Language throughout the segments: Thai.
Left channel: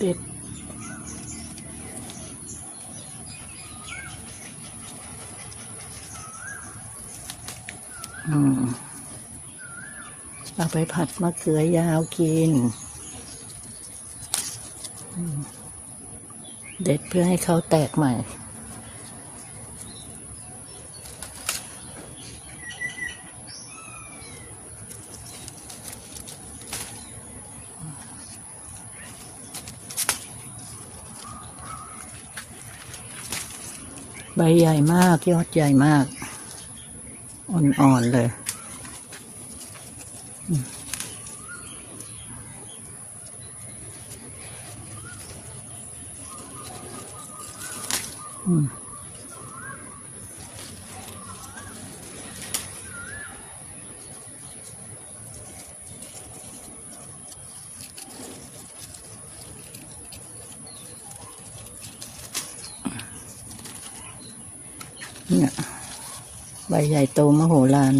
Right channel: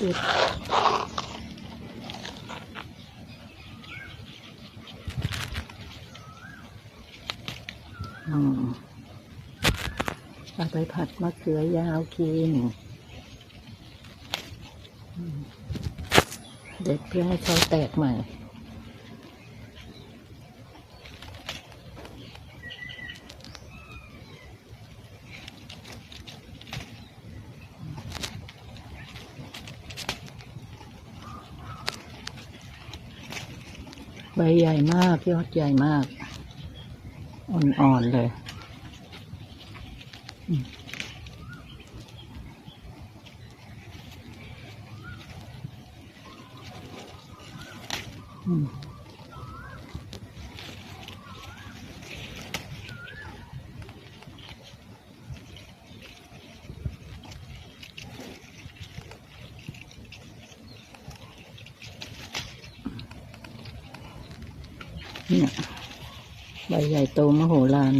ติดเอาไปผัดมะเขือยาวกิน เด็ดเพื่อให้เขาแตกใหม่ ใบใหญ่มากยอดใหญ่มาก อ่อนๆเลยอืม เนี่ยใบใหญ่โตมโหฬาร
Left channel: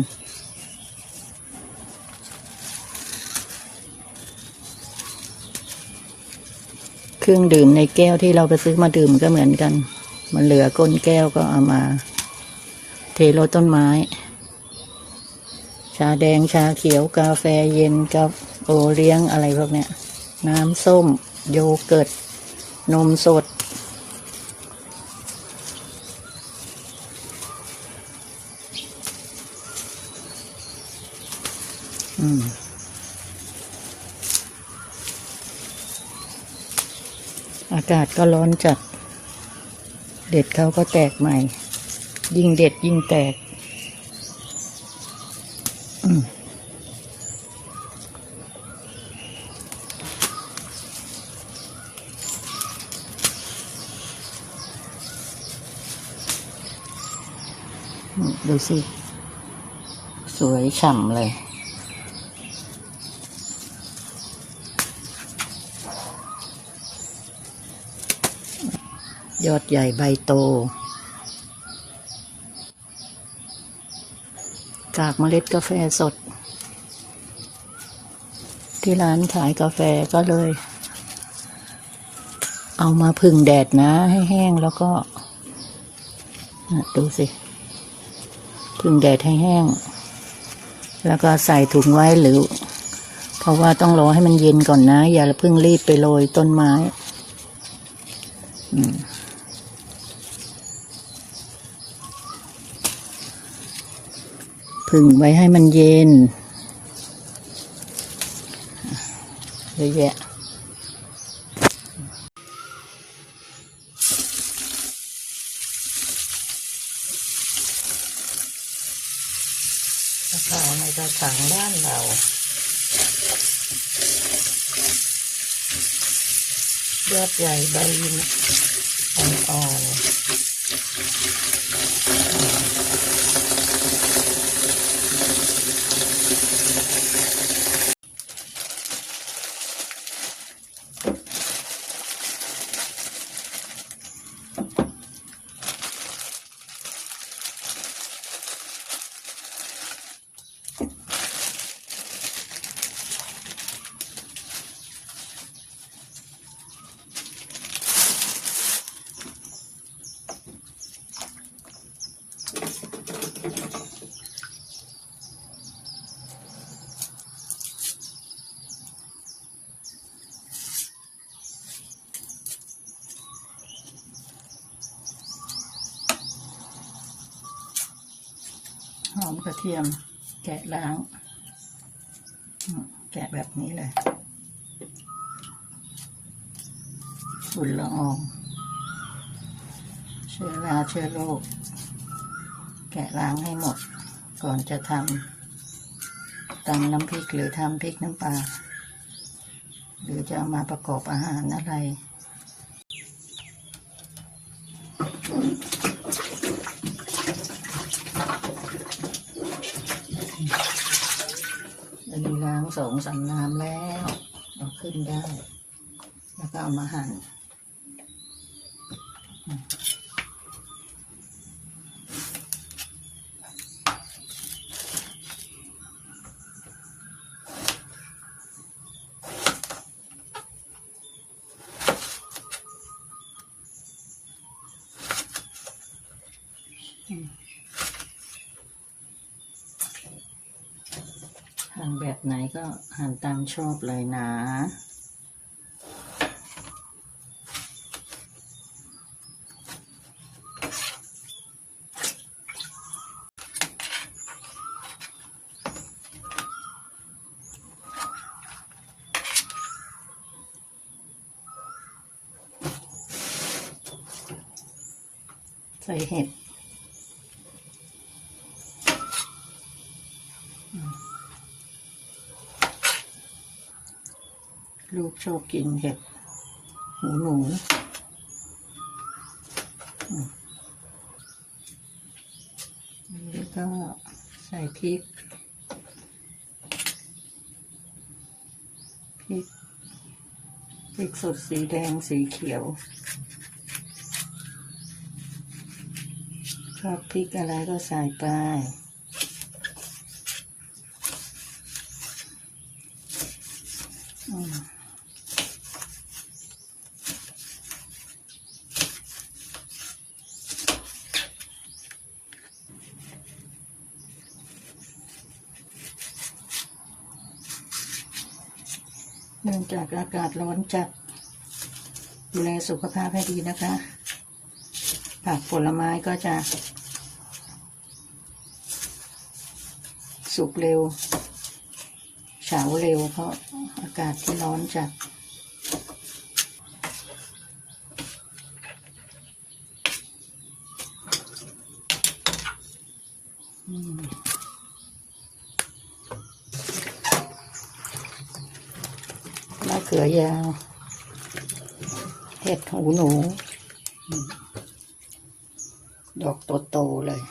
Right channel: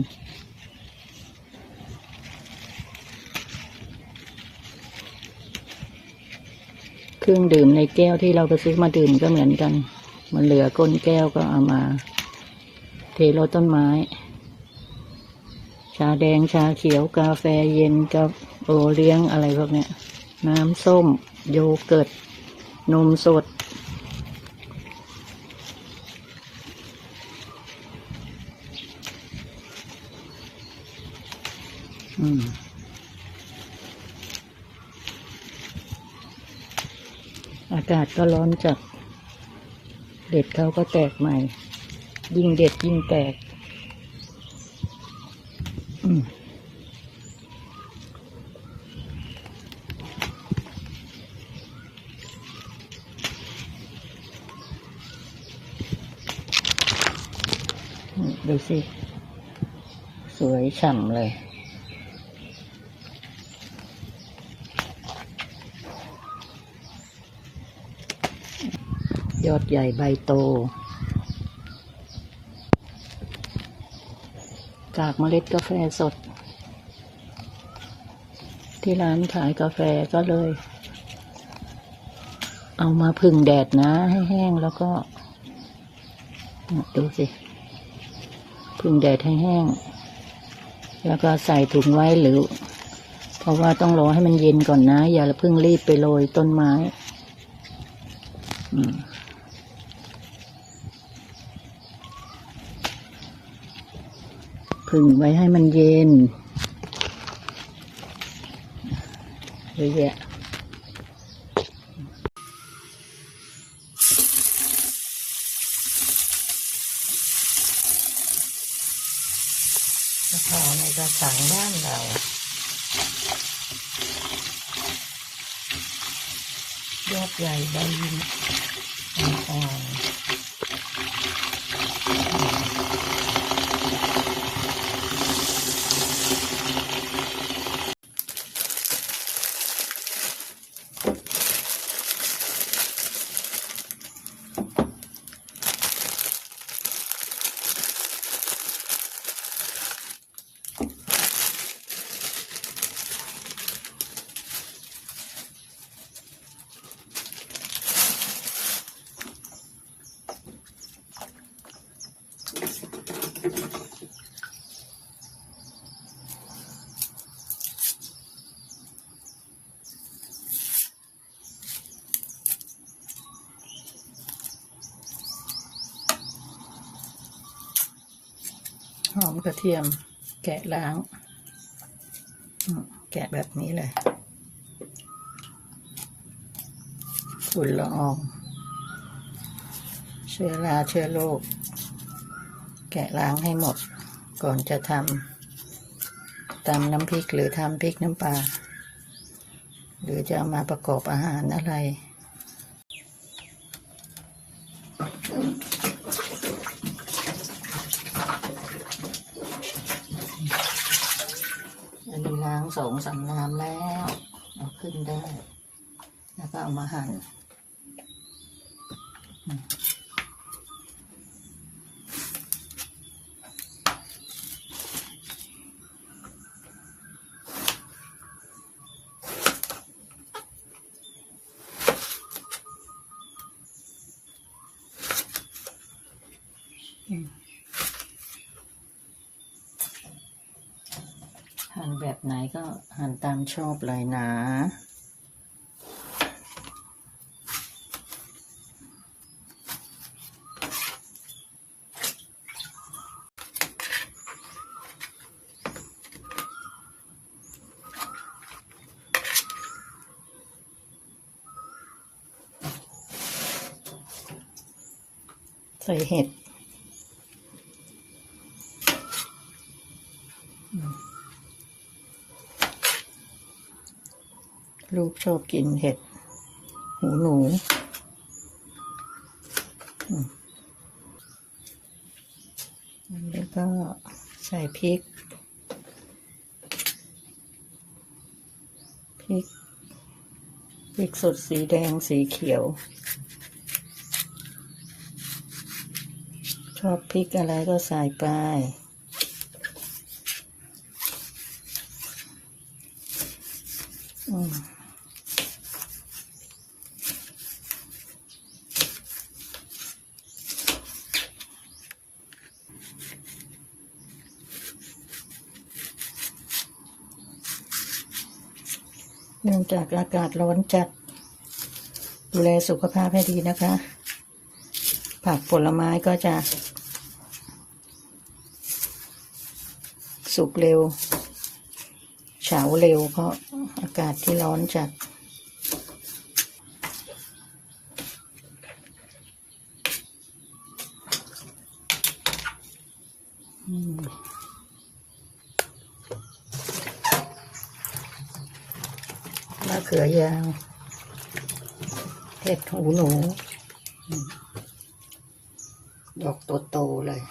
เครื่องดื่มในแก้วที่เราไปซื้อมาดื่มก็เหมือนกัน มันเหลือก้นแก้วก็เอามา เทโรต้นไม้ ชาแดงชาเขียวกาแฟเย็นกับโอเลี้ยงอะไรพวกเนี้ย น้ำส้ม โยเกิร์ต นมสด อืมอากาศก็ร้อนจัด เด็ดเขาก็แตกใหม่ ยิ่งเด็ดยิ่งแตก อืมดูสิ สวยฉ่ำเลย อดใหญ่ใบโตกากเมล็ดกาแฟสด ที่ร้านขายกาแฟก็เลย เอามาพึ่งแดดนะ ให้แห้งแล้วก็ดูสิ พึ่งแดดให้แห้ง แล้วก็ใส่ถุงไว้หรือ เพราะว่าต้องรอให้มันเย็นก่อนนะ อย่าเพิ่งรีบไปโรยต้นไม้อืม ผึ่งไว้ให้มันเย็นเยอะแยะกระถางในกระถางบ้านเรายอดใหญ่ใบอ่อนๆ อมกระเทียม แกะล้าง แกะแบบนี้เลยฝุ่นละออง เชื้อราเชื้อโรคแกะล้างให้หมด ก่อนจะทำตำน้ำพริกหรือทำพริกน้ำปลาหรือจะเอามาประกอบอาหารอะไร อันนี้ล้าง สองามน้ำแล้ว เอาขึ้นได้ แล้วก็เอามาหั่น ไหน ก็หั่นตามชอบเลยนะ ใส่เห็ด ชอบกินเห็ด หูหนูแล้วก็ใส่พริก พริก พริกสดสีแดงสีเขียว ชอบพริกอะไรก็ใส่ไป อืมเนื่องจากอากาศร้อนจัด ดูแลสุขภาพให้ดีนะคะ ผักผลไม้ก็จะ สุกเร็ว เฉาเร็วเพราะอากาศที่ร้อนจัด เขือยาว เห็ดหูหนู ดอกโตๆเลย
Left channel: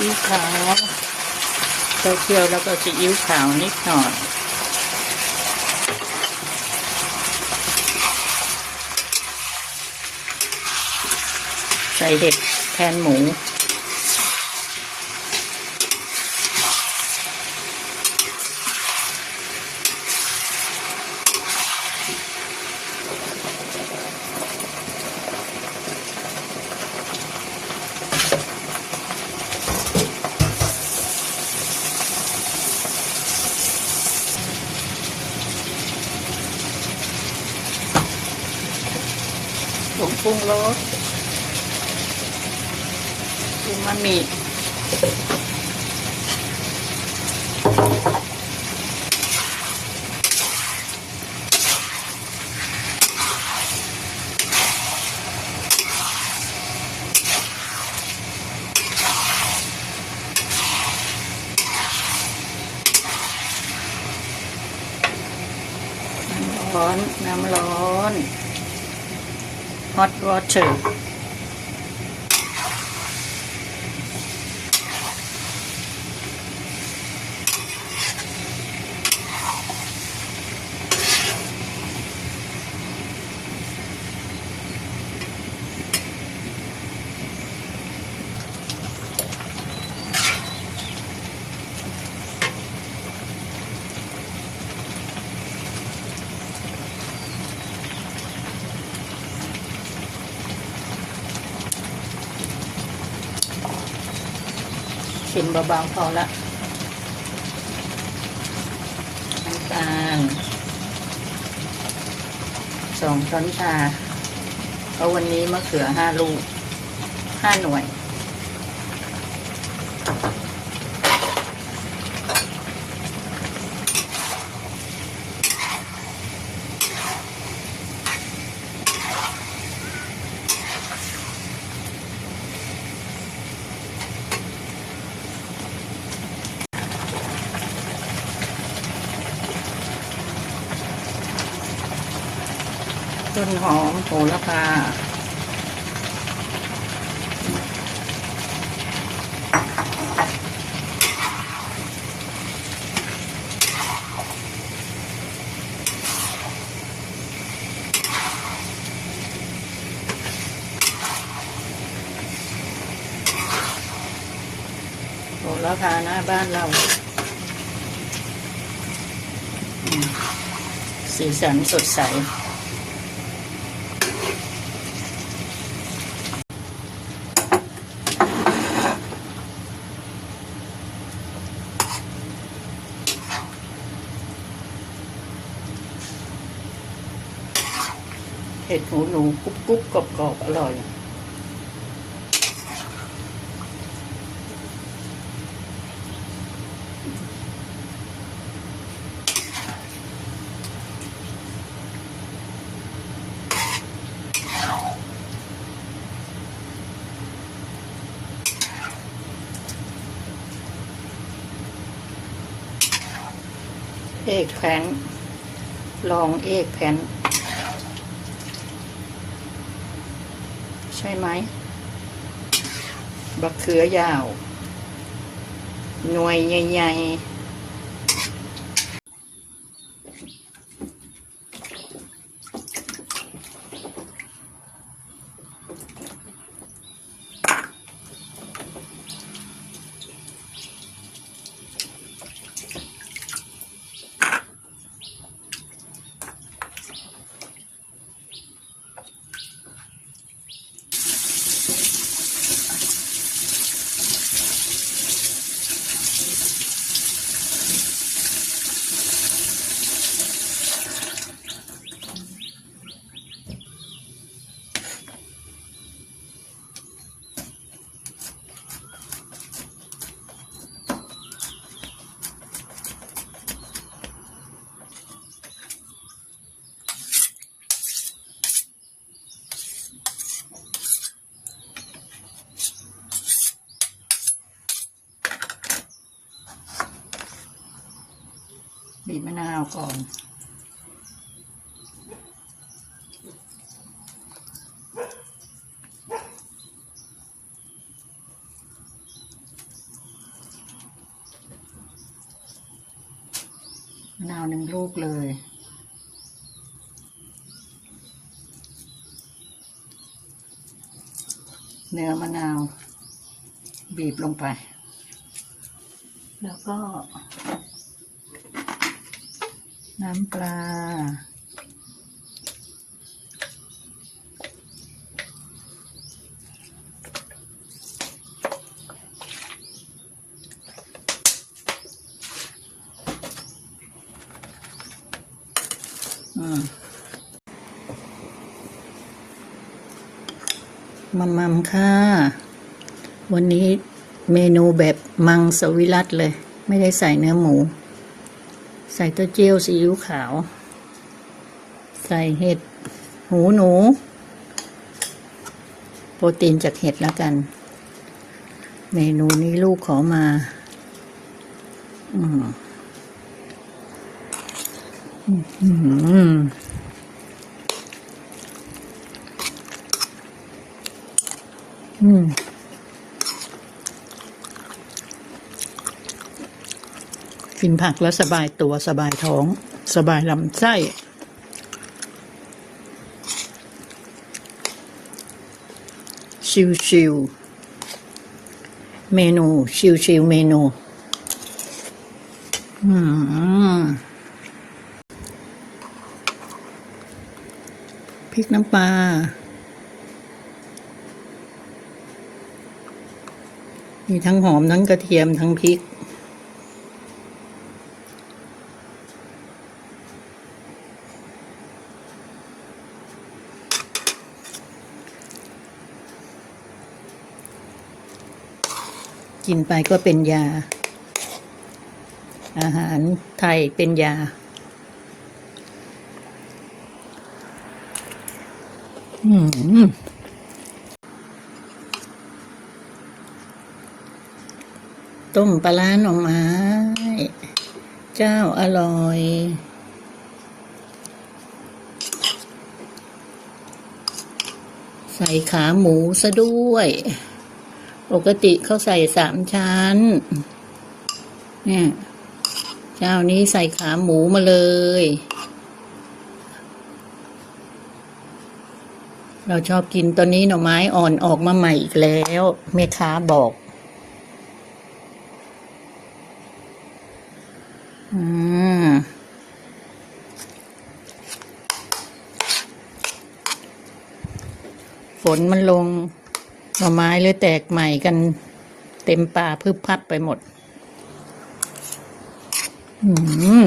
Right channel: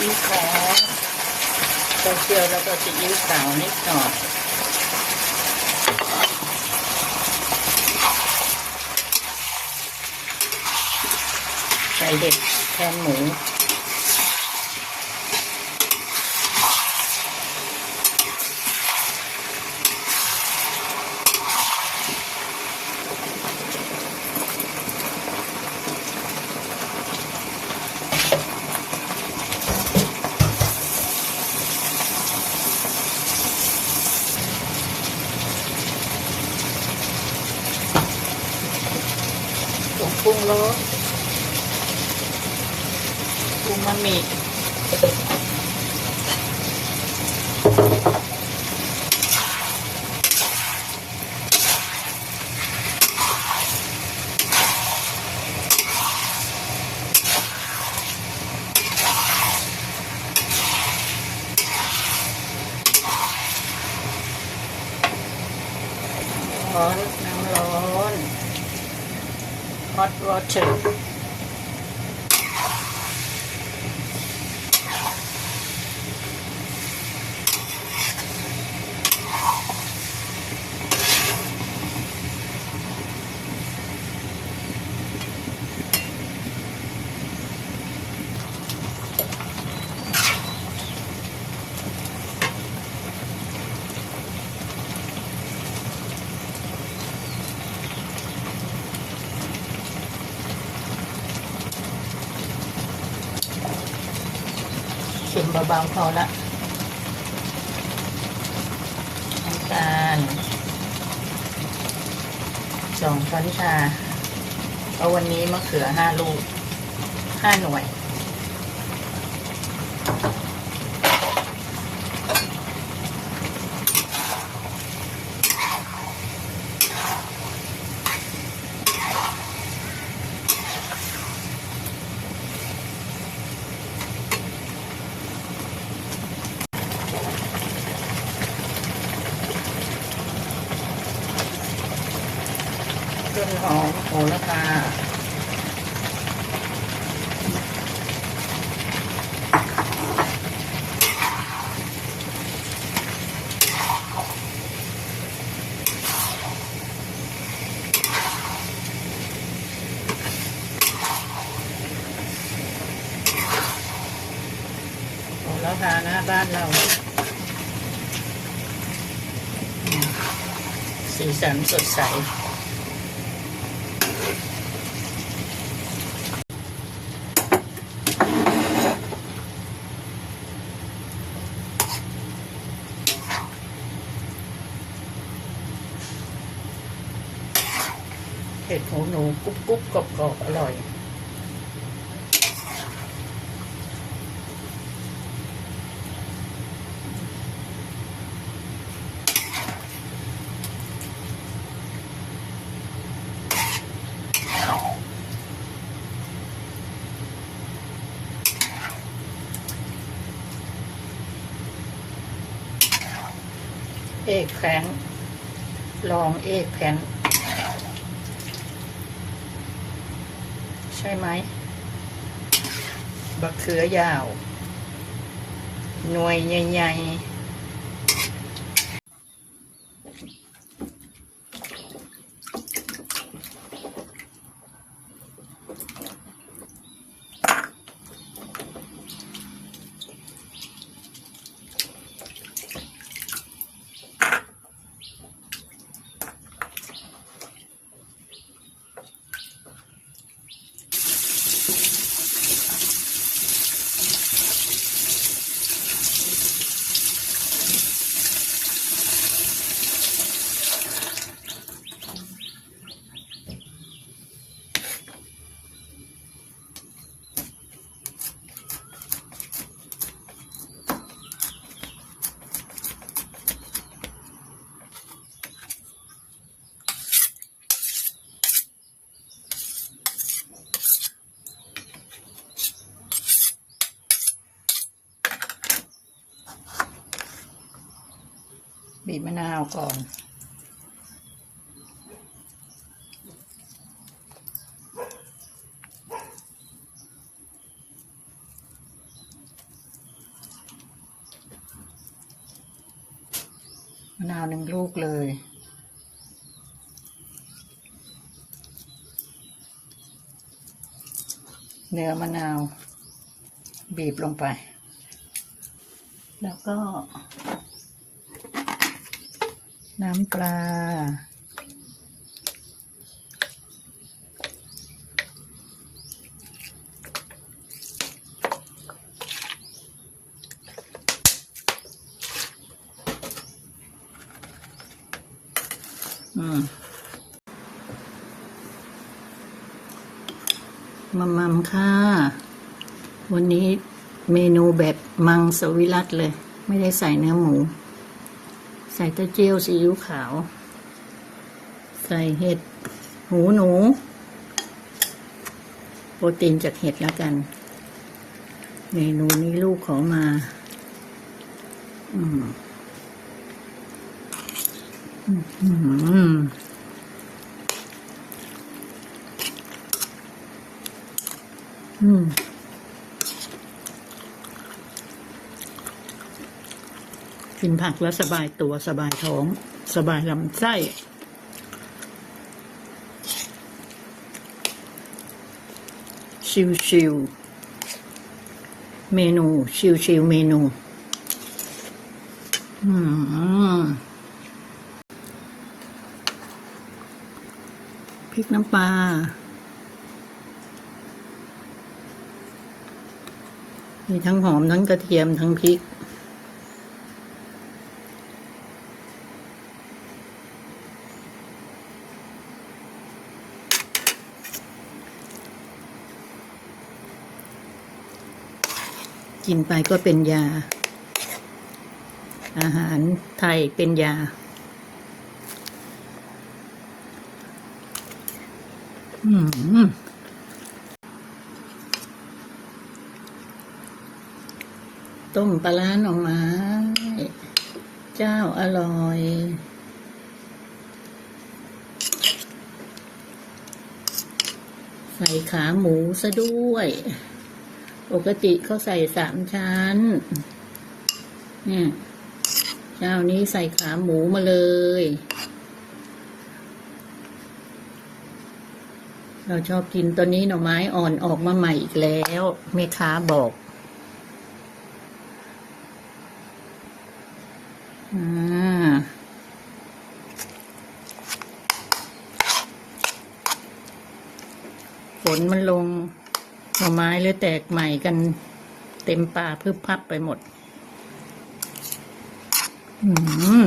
อิ๊วขาวเต้าเคี่ ยวแล้วก็ซีอิ๊วขาวนิดหน่อยใส่เห็ดแทนหมู ห ล too. เบาๆพอละน้ำตาลสองช้อนชาเพราะวันนี้มะเขือห้าลูกห้าหน่วย ต้นหอม โหระพาโหระพาหน้าบ้านเราสีสันสดใส เห็ดหูหนูกรุบกรุบกรอบกรอบอร่อย เอกแพนลองเอกแพน ใช่ไหมบักเขือยาว หน่วยใหญ่ๆ บีบมะนาวก่อน มะนาวหนึ่งลูกเลยเนื้อมะนาว บีบลงไป แล้วก็ น้ำปลาอมมัมมัมค่ะ วันนี้เมนูแบบมังสวิรัตเลย ไม่ได้ใส่เนื้อหมู ส่เต้าเจี้ยวซีอิ๊วขาว ใส่เห็ด หูหนู โปรตีนจากเห็ดแล้วกัน เมนูนี้ลูกขอมา อืมอืมอืม กินผักแล้วสบายตัวสบายท้อง สบายลำไส้ ชิวชิวๆเมนูชิวชิวๆเมนูอืมพริกน้ำปลามีทั้งหอมทั้งกระเทียมทั้งพริก กินไปก็เป็นยา อาหารไทยเป็นยา อืมต้มปลาร้าหน่อไม้ เจ้าอร่อย ใส่ขาหมูซะด้วย ปกติเขาใส่สามชั้น เนี่ย เจ้านี้ใส่ขาหมูมาเลย เราชอบกินตัวนี้หน่อไม้อ่อนออกมาใหม่อีกแล้วแม่ค้าบอก อืมฝนมันลง หน่อไม้เลยแตกใหม่กันเต็มป่าพึบพับไปหมด อืม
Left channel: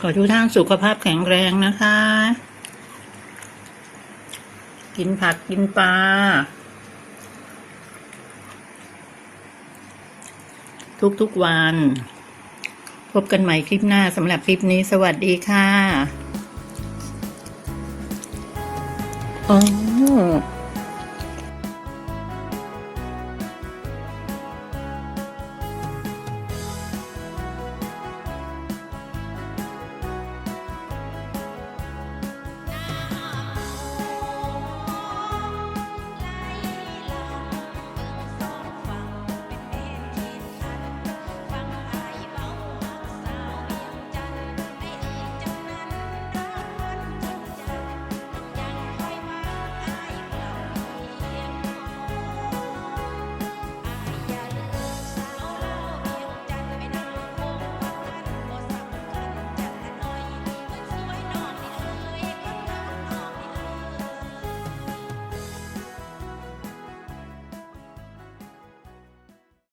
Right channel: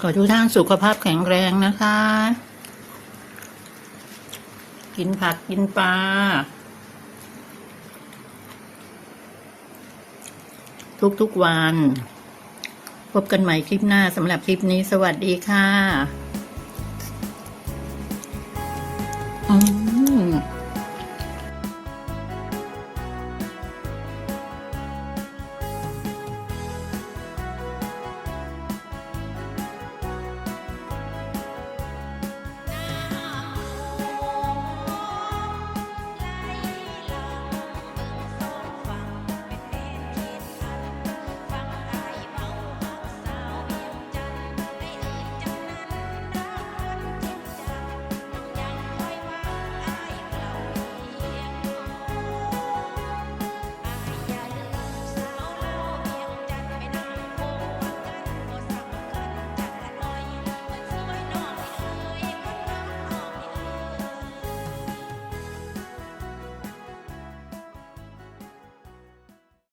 ขอทุกท่านสุขภาพแข็งแรงนะคะ กินผักกินปลา ทุกๆวัน พบกันใหม่คลิปหน้าสำหรับคลิปนี้สวัสดีค่ะ อ๋อ